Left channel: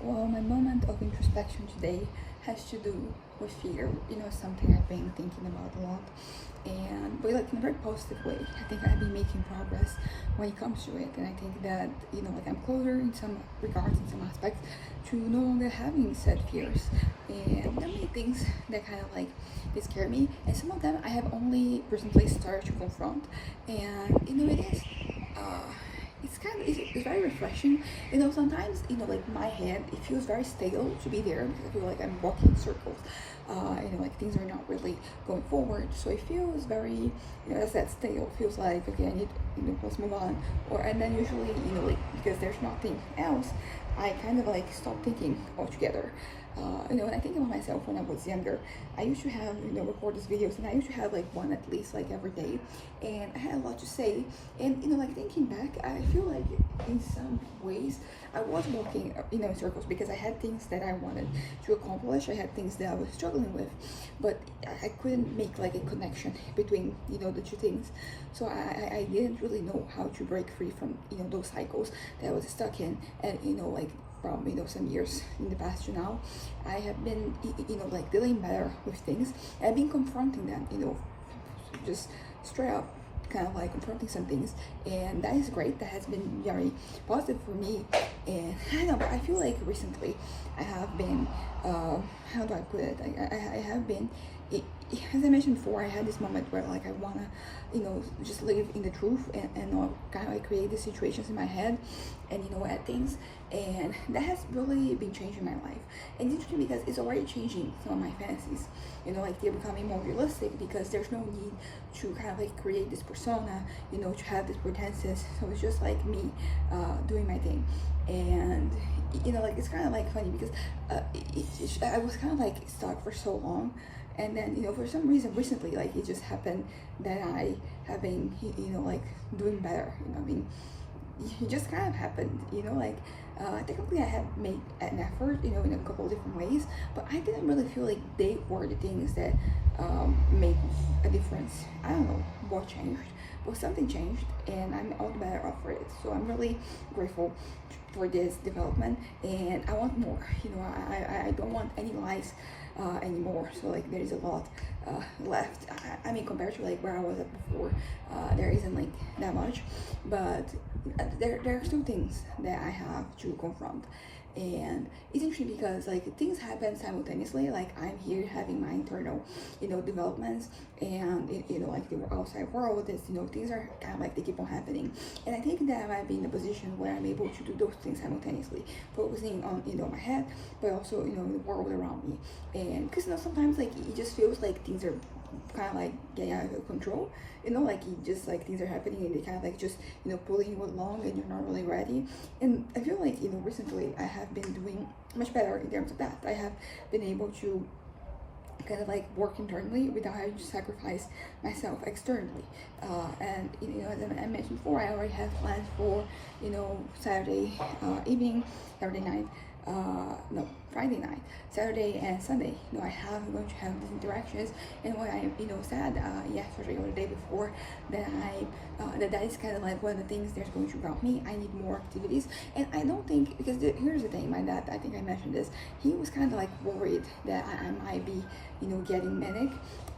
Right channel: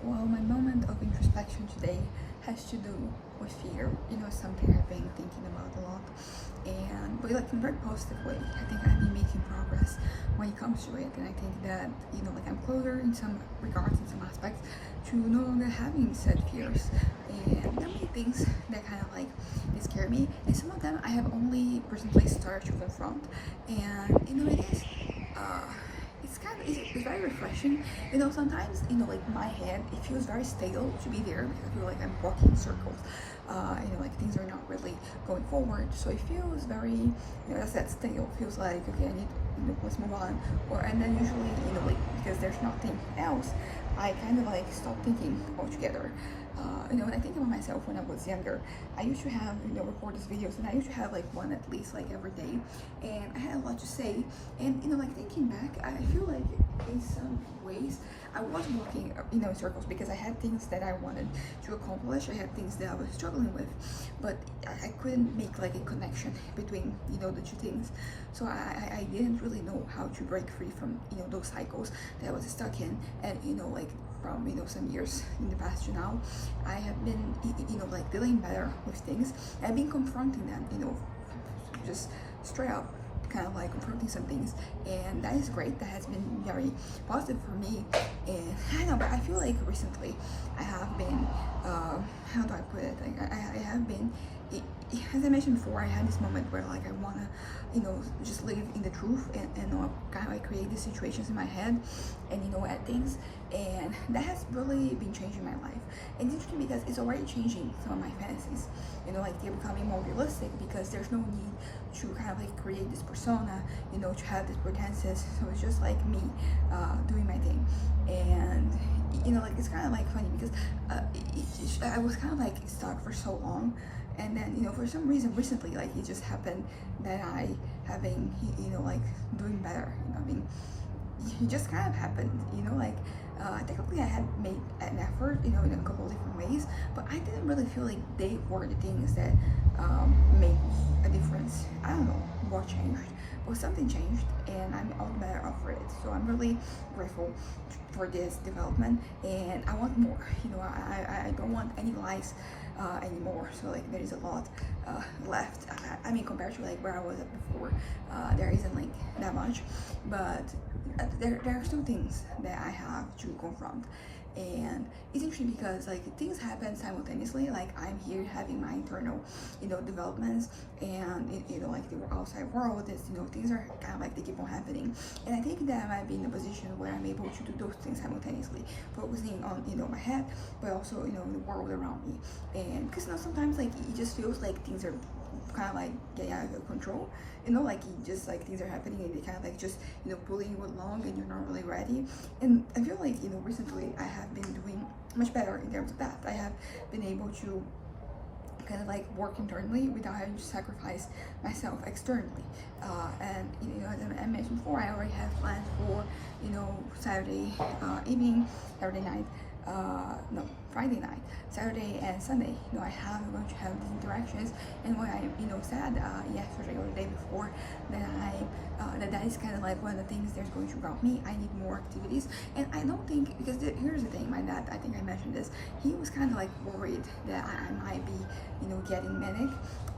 Well, my moment of introspection today has to do with fear. Something I've been thinking about a lot, but like in a very positive way. I think I've been making progress when it comes to it, and I think that I'm closer in some regards, in some aspects, to no longer having said fears. And there are many things that kind of like they scare me, and some of them I have only recently started to confront. And it is. It's very refreshing. Sometimes like my head, it feels very stale to be there because I feel like I'm walking in circles. Like things are not really going forward. So it feels very, as I said, stale. It feels like okay, I need, let's move on. And then usually, like because there's nothing else, I kind of like stop thinking altogether. When I think about myself when I was younger, I used to have, record these videos, and I used to have like one at least like every day, and I had a lot to say. And like thinking back, I feel like in some ways I was walking, in circles because I had things that I wanted to accomplish. I had things that I was struggling with, but I couldn't make like a connection between, the two things. So I didn't really know how to break free from, those cycles that I was stuck in, and like from some years in the past to now, I have been like dealing better with things. I've been confronting them, just straight up, kind of like confronting some things, and that is great. That has been very positive for me. And I know, but I feel like recently I have been how do I put it, I have been, as I mentioned before, I had this moment where like I wanna just live in the truth, and not kind of like create these situations in my head, and add things. And that has really been changing my life. And it's interesting because it's already changing some of my fantasies, like they're becoming more realistic because there's no need to kind of like create this persona, to have this pretenses. So it's just like me doing my thing. And like it's kind of like funny because I was kind of like stuck for so long, and then for some reason recently, like it just happened that I have been like doing better. I mean, it just kind of happened, technically I had made an effort, in a couple of different ways, but I didn't really feel like they were the things that made a difference. I don't know what changed, but something changed, and I'm all the better off for it. So I'm really grateful for this development, and I want more. I don't want any lies anymore. So like there is a lot left. I mean, compared to like where I was at before, there isn't like that much, but there are still things that I have to confront. And it's interesting because like things happen simultaneously. Like I'm here having my internal developments, and like the outside world is, things are kind of like they keep on happening. And I think that I might be in a position where I'm able to do those things simultaneously, focusing on my head, but also the world around me. And because sometimes like it just feels like things are kind of like getting out of control, like you just like things are happening, and they kind of like just pulling you along, and you're not really ready. And I feel like recently I have been doing much better in terms of that. I have been able to kind of like work internally without having to sacrifice myself externally. And as I mentioned before, I already have plans for Saturday evening, Saturday night, no, Friday night, Saturday and Sunday. I'm going to have these interactions. And what I said yesterday or the day before, that that is kind of like one of the things that's going to grab me. I need more activities. And I don't think, because here's the thing, my dad, I think I mentioned this, he was kind of like worried that I might be getting manic.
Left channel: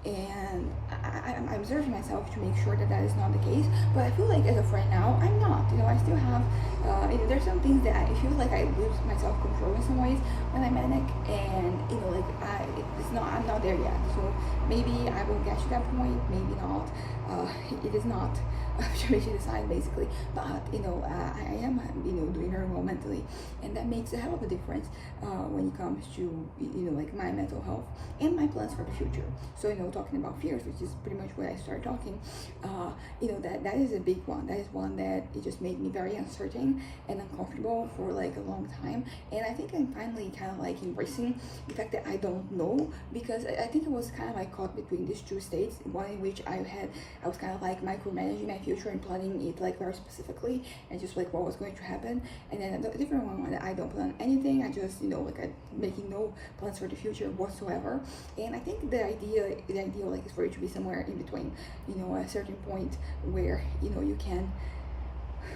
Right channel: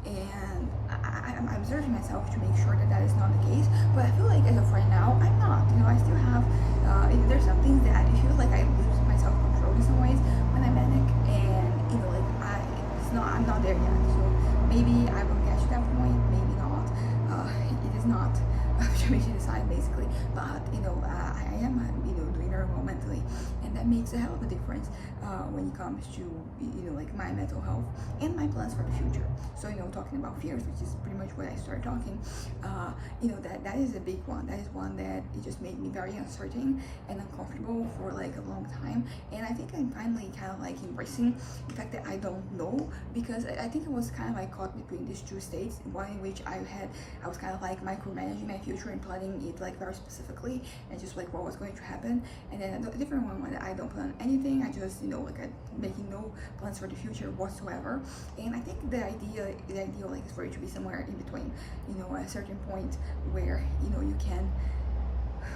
And I'm observing myself to make sure that that is not the case. But I feel like as of right now, I'm not. I still have there's some things that I feel like I lose my self control in some ways when I'm manic, and like I'm not there yet. So maybe I will get to that point, maybe not. It is not to me to decide basically, but I am doing very well mentally, and that makes a hell of a difference when it comes to like my mental health and my plans for the future. So talking about fears, which is pretty much what I started talking, that is a big one. That is one that it just made me very uncertain and uncomfortable for like a long time. And I think I'm finally kind of like embracing the fact that I don't know, because I think it was kind of like caught between these two states, one in which I was kind of like micromanaging my future and planning it like very specifically, and just like what was going to happen. And then a different one that I don't plan anything. I just like I'm making no plans for the future whatsoever. And I think the ideal like is for you to be somewhere in between. A certain point where you can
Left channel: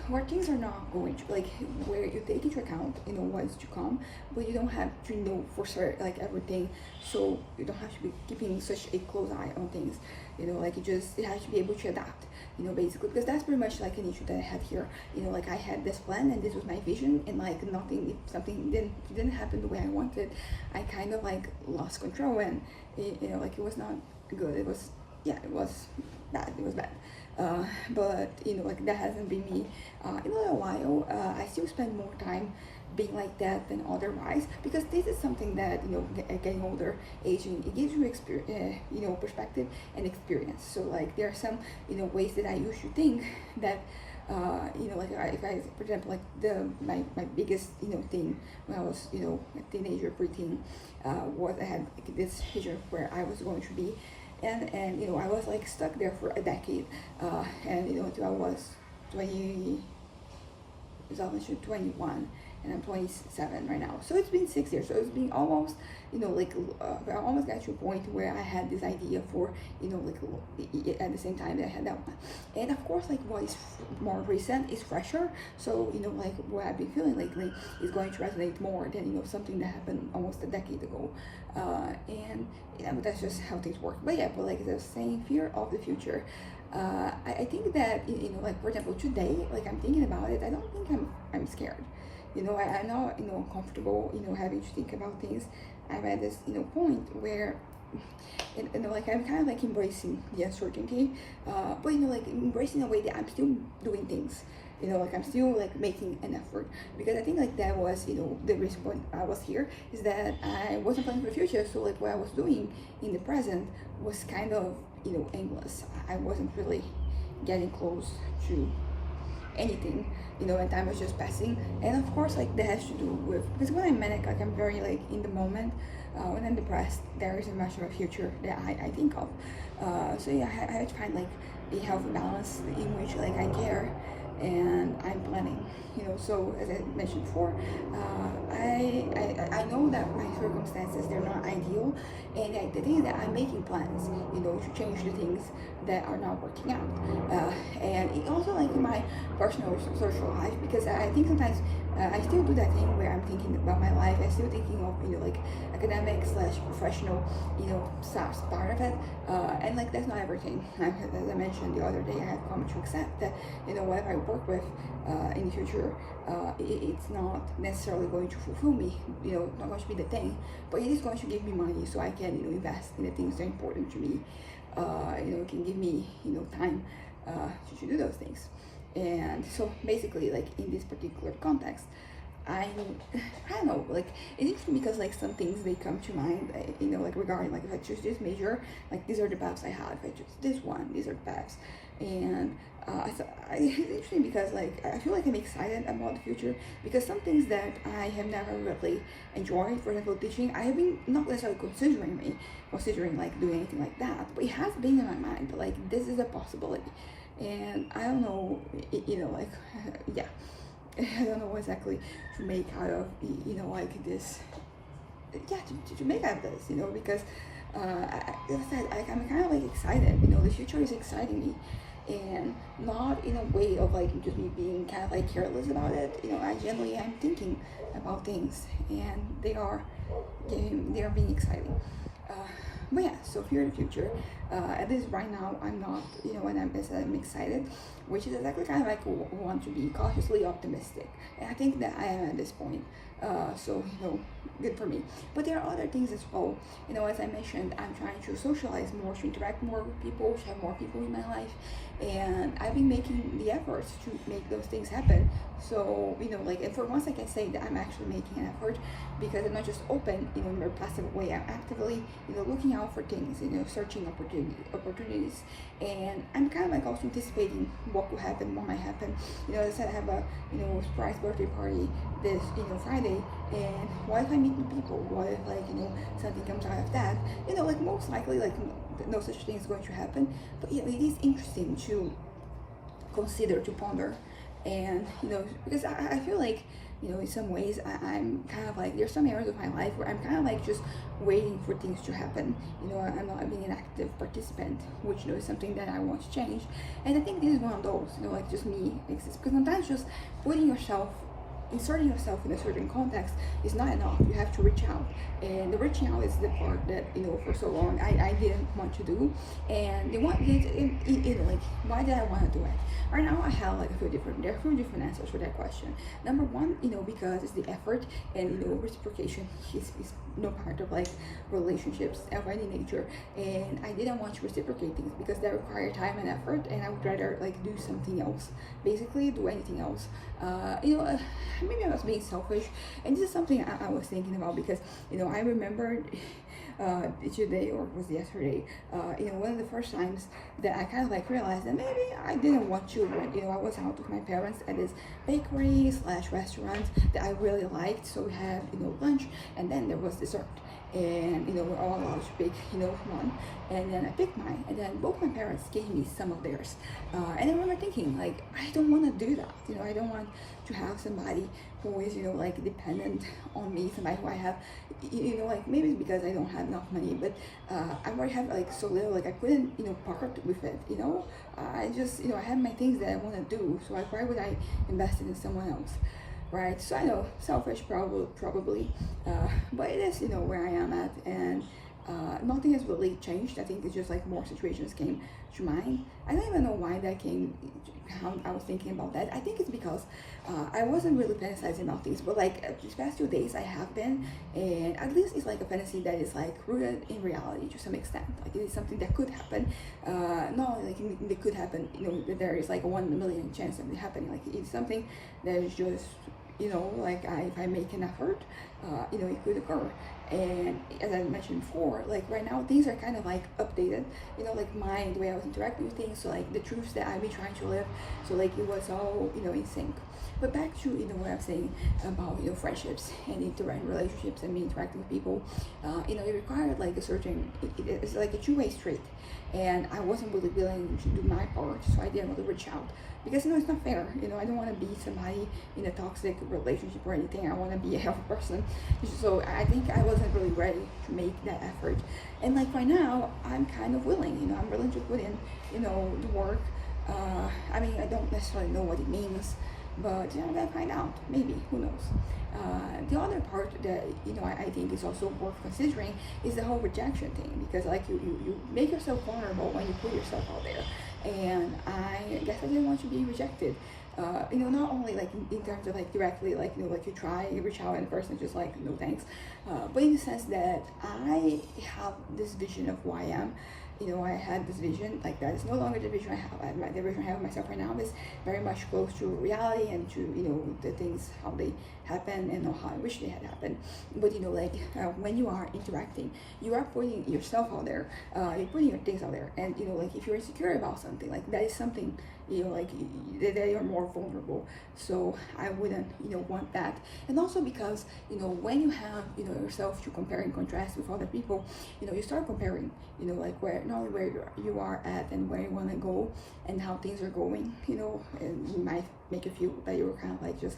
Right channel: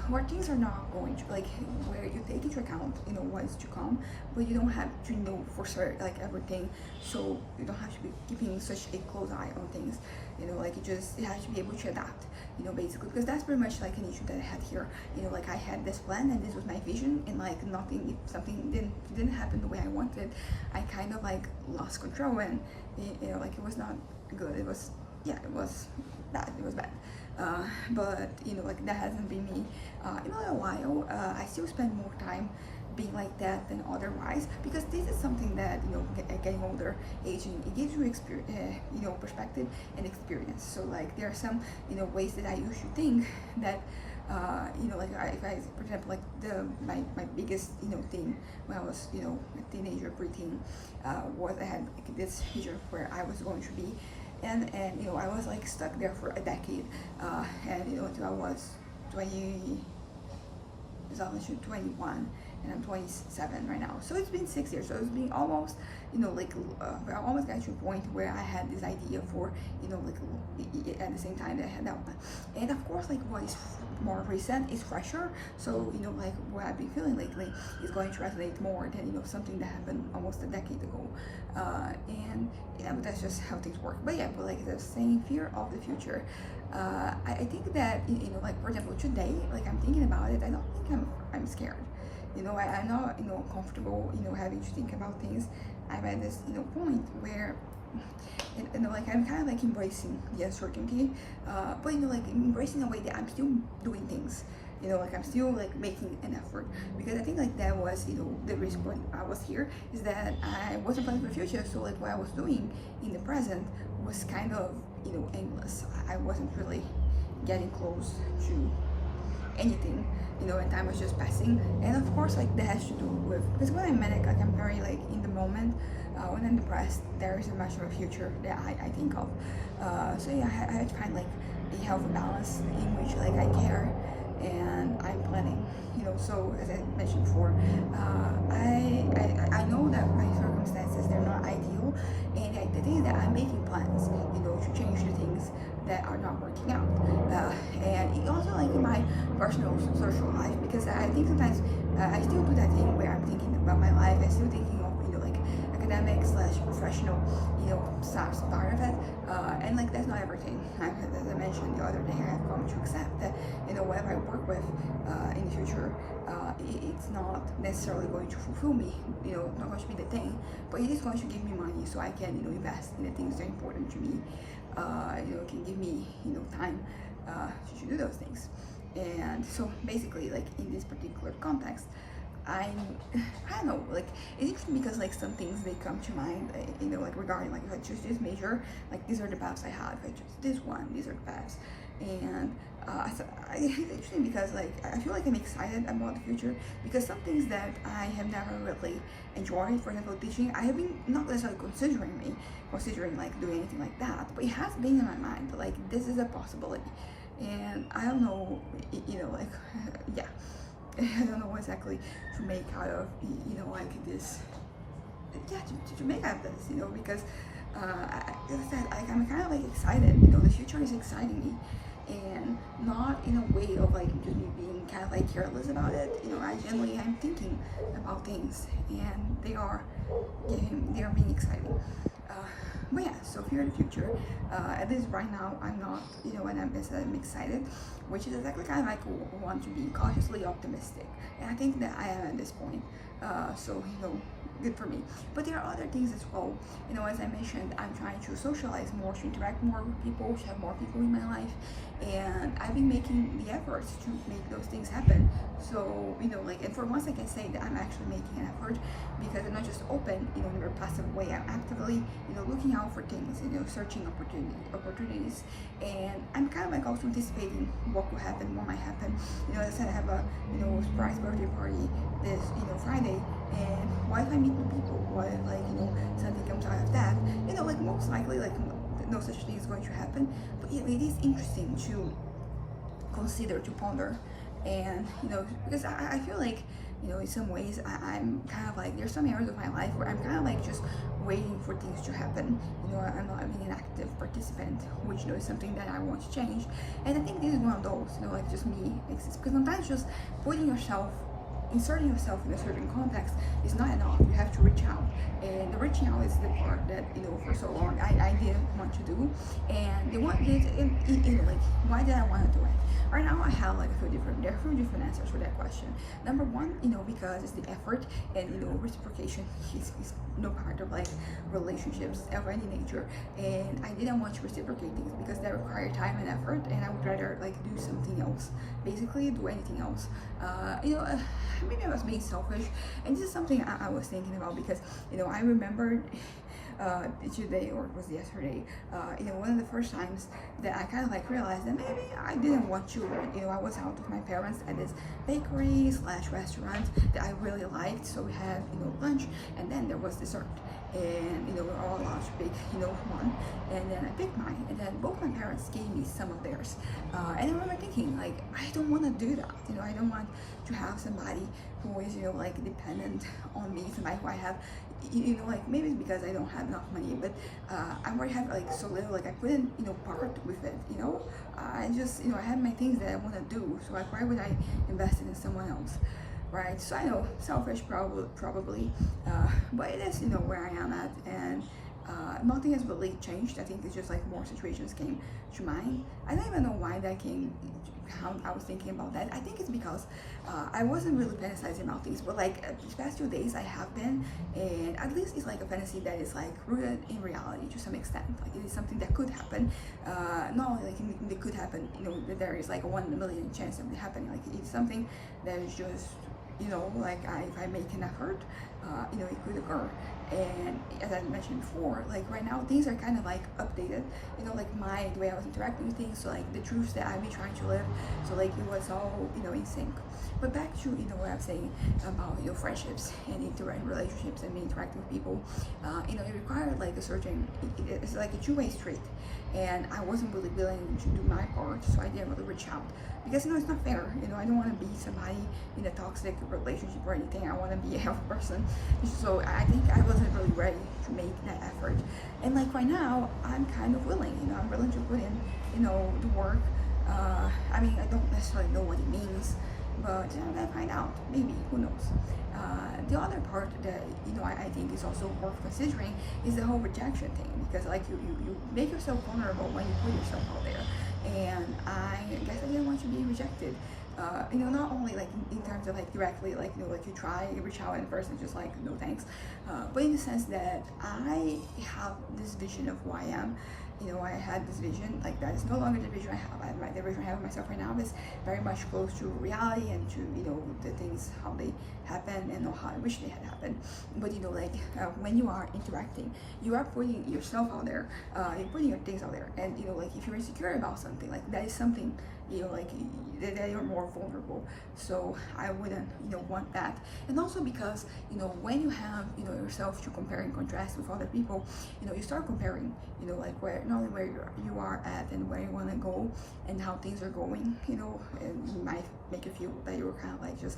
where things are not going to, like, where you take into account, what's to come, but you don't have to know for sure like everything, so you don't have to be keeping such a close eye on things, like it has to be able to adapt, basically, because that's pretty much like an issue that I had here. Like I had this plan and this was my vision, and like nothing, if something didn't happen the way I wanted, I kind of like lost control, and like it was not good. It was, yeah, it was bad. It was bad. But like that hasn't been me in a little while. I still spend more time being like that than otherwise, because this is something that getting older, aging, it gives you experience, perspective and experience. So like there are some ways that I used to think that like if I, for example, like my biggest thing when I was a teenager, preteen, was I had like this vision where I was going to be, and I was like stuck there for a decade, and until I was 21, and I'm 27 right now. So it's been 6 years. So it's been almost, I almost got to a point where I had this idea for, like at the same time that I had that one. And of course, like what is more recent is fresher. So, like what I've been feeling lately is going to resonate more than, something that happened almost a decade ago. And but that's just how things work. But yeah, but like the same fear of the future. I think that, like for example, today, like I'm thinking about it, I don't think I'm scared. I'm not, uncomfortable, having to think about things. I'm at this, point where, like I'm kind of like embracing the uncertainty, but like embracing a way that I'm still doing things. Like I'm still like making an effort, because I think like that was, the reason why I was here is that I wasn't planning for the future. So like what I was doing in the present was kind of, aimless. I wasn't really getting close to anything, and time was just passing. And of course, like that has to do with, because when I'm manic, like I'm very like in the moment. When I'm depressed, there isn't much of a future that I think of. So yeah, I had to find like a healthy balance in which like I care and I'm planning. So as I mentioned before, I know that my circumstances, they're not ideal, and the thing is that I'm making plans, to change the things that are not working out, and it also like in my personal social life, because I think sometimes I still do that thing where I'm thinking about my life. I'm still thinking of like academic / professional, part of it, and like that's not everything. As I mentioned the other day, I have come to accept that whatever I work with in the future, it's not necessarily going to fulfill me, not going to be the thing, but it is going to give me money so I can invest in the things that are important to me. It can give me time to do those things. And so basically, like in this particular context, I don't know, like it's interesting because like some things they come to mind, like regarding like if I choose this major, like these are the paths I have. If I choose this one, these are the paths. And it's interesting because like I feel like I'm excited about the future, because some things that I have never really enjoyed, for example, teaching, I have been not necessarily considering like doing anything like that, but it has been in my mind, like this is a possibility. And I don't know, like yeah, I don't know exactly to make out of like this, yeah, to make out of this, because like I said, I'm kind of like excited. The future is exciting me, and not in a way of like just me being kind of like careless about it. I genuinely am thinking about things, and they are being exciting. But yeah, so here in the future, at least right now, I'm not, and I'm excited, which is exactly kind of like want to be cautiously optimistic. And I think that I am at this point. So, good for me. But there are other things as well. As I mentioned, I'm trying to socialize more, to interact more with people, to have more people in my life. And I've been making the efforts to make those things happen. So, like, and for once I can say that I'm actually making an effort, because I'm not just open, in a passive way. I'm actively, looking out for things, searching opportunities. And I'm kind of like also anticipating what could happen, what might happen. As I said, I have a, surprise birthday party this, Friday. And what if I meet new people? What if, like, something comes out of that? Like, most likely, like, no such thing is going to happen. But, it is interesting to consider, to ponder. And, because I feel like, you know, in some ways I'm kind of like, there's some areas of my life where I'm kind of like just waiting for things to happen. You know, I'm not being an active participant, which, you know, is something that I want to change. And I think this is one of those, you know, like just me, because sometimes just putting yourself, inserting yourself in a certain context is not enough. You have to reach out, and the reaching out is the part that, you know, for so long I didn't want to do. And the one, like, why did I want to do it? Right now I have like there are a few different answers for that question. Number one, you know, because it's the effort, and, you know, reciprocation is no part of like relationships of any nature, and I didn't want to reciprocate things because that required time and effort, and I would rather like do something else, basically do anything else. You know, maybe I was being selfish, and this is something I was thinking about, because, you know, I remembered today, or it was yesterday, you know, one of the first times that I kind of like realized that maybe I didn't want children. You know, I was out with my parents at this bakery slash restaurant that I really liked, so we had, you know, lunch, and then there was dessert, and, you know, we're all allowed to pick, you know, one, and then I picked mine, and then both my parents gave me some of theirs, and I remember thinking, like, I don't want to do that. You know, I don't want to have somebody who is, you know, like dependent on me, somebody who I have, you know, like, maybe because I don't have enough money, but I already have like so little, like I couldn't, you know, part with it, you know. I just, you know, I have my things that I want to do, so like, why would I invest in someone else? Right? So I know, selfish probably, but it is, you know, where I am at, and nothing has really changed. I think it's just like more situations came to mind. I don't even know why that came, how I was thinking about that. I think it's because I wasn't really fantasizing about things, but like these past 2 days I have been, and at least it's like a fantasy that is like rooted in reality to some extent. Like, it is something that could happen, not only like it could happen, you know, that there is like a 1 in a million chance of it happening. Like, it's something that is just, you know, like if I make an effort, you know, it could occur. And as I mentioned before, like right now things are kind of like updated, you know, like the way I was interacting with things, so like the truths that I've been trying to live, so like it was all, you know, in sync. But back to, you know, what I'm saying about, you know, friendships and relationships and me interacting with people, you know, it required like a certain, it's like a two-way street, and I wasn't really willing to do my part, so I didn't really reach out, because, you know, it's not fair. You know, I don't want to be somebody in a toxic relationship or anything. I want to be a healthy person, so I think I wasn't really ready to make that effort. And like right now I'm kind of willing, you know, I'm willing to put in, you know, the work. I mean, I don't necessarily know what it means, but, you know, then find out, maybe, who knows. The other part that, you know, I think is also worth considering is the whole rejection thing, because like you make yourself vulnerable when you put yourself out there, and I guess I didn't want to be rejected. You know, not only like in terms of like directly, like, you know, like you reach out and the person just like, no thanks, but in the sense that I have this vision of who I am. You know, I had this vision, like that is no longer the vision I have. The vision I have of myself right now is very much close to reality and to, you know, the things, how they happen and how I wish they had happened. But, you know, like when you are interacting, you are putting yourself out there, you're putting your things out there, and, you know, like if you're insecure about something, like that is something, you know, like that you're more vulnerable. So I wouldn't, you know, want that. And also because, you know, when you have, you know, yourself to compare and contrast with other people, you know, you start comparing, you know, like not only where you are at and where you want to go and how things are going, you know, and you might make you feel that you were kind of like just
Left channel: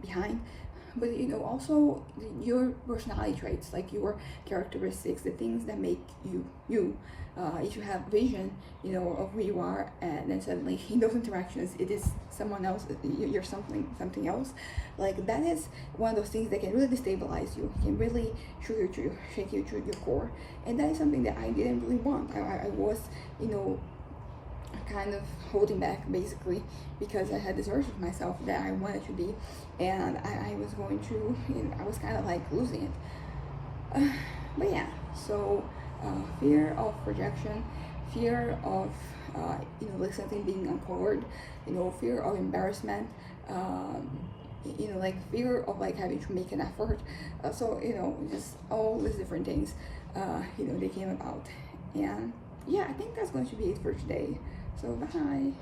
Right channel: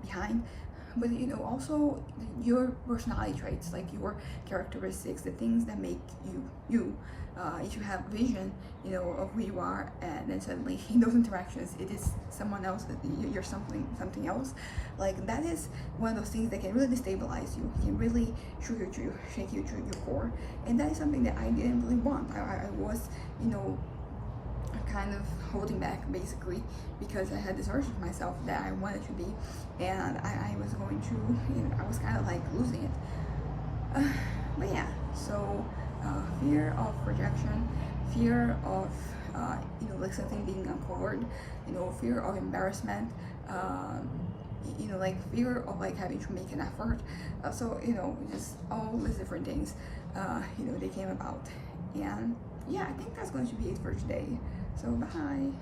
behind. But, you know, also your personality traits, like your characteristics, the things that make you you. If you have vision, you know, of who you are, and then suddenly in those interactions it is someone else, you're something else, like that is one of those things that can really destabilize you, can really shake you to your core, and that is something that I didn't really want. I was, you know, kind of holding back basically, because I had this version of myself that I wanted to be, and I was going to, you know, I was kind of like losing it. But yeah, so fear of rejection, fear of you know, like something being uncovered, you know, fear of embarrassment, you know, like fear of like having to make an effort, so, you know, just all these different things, you know, they came about. And yeah, I think that's going to be it for today, so bye.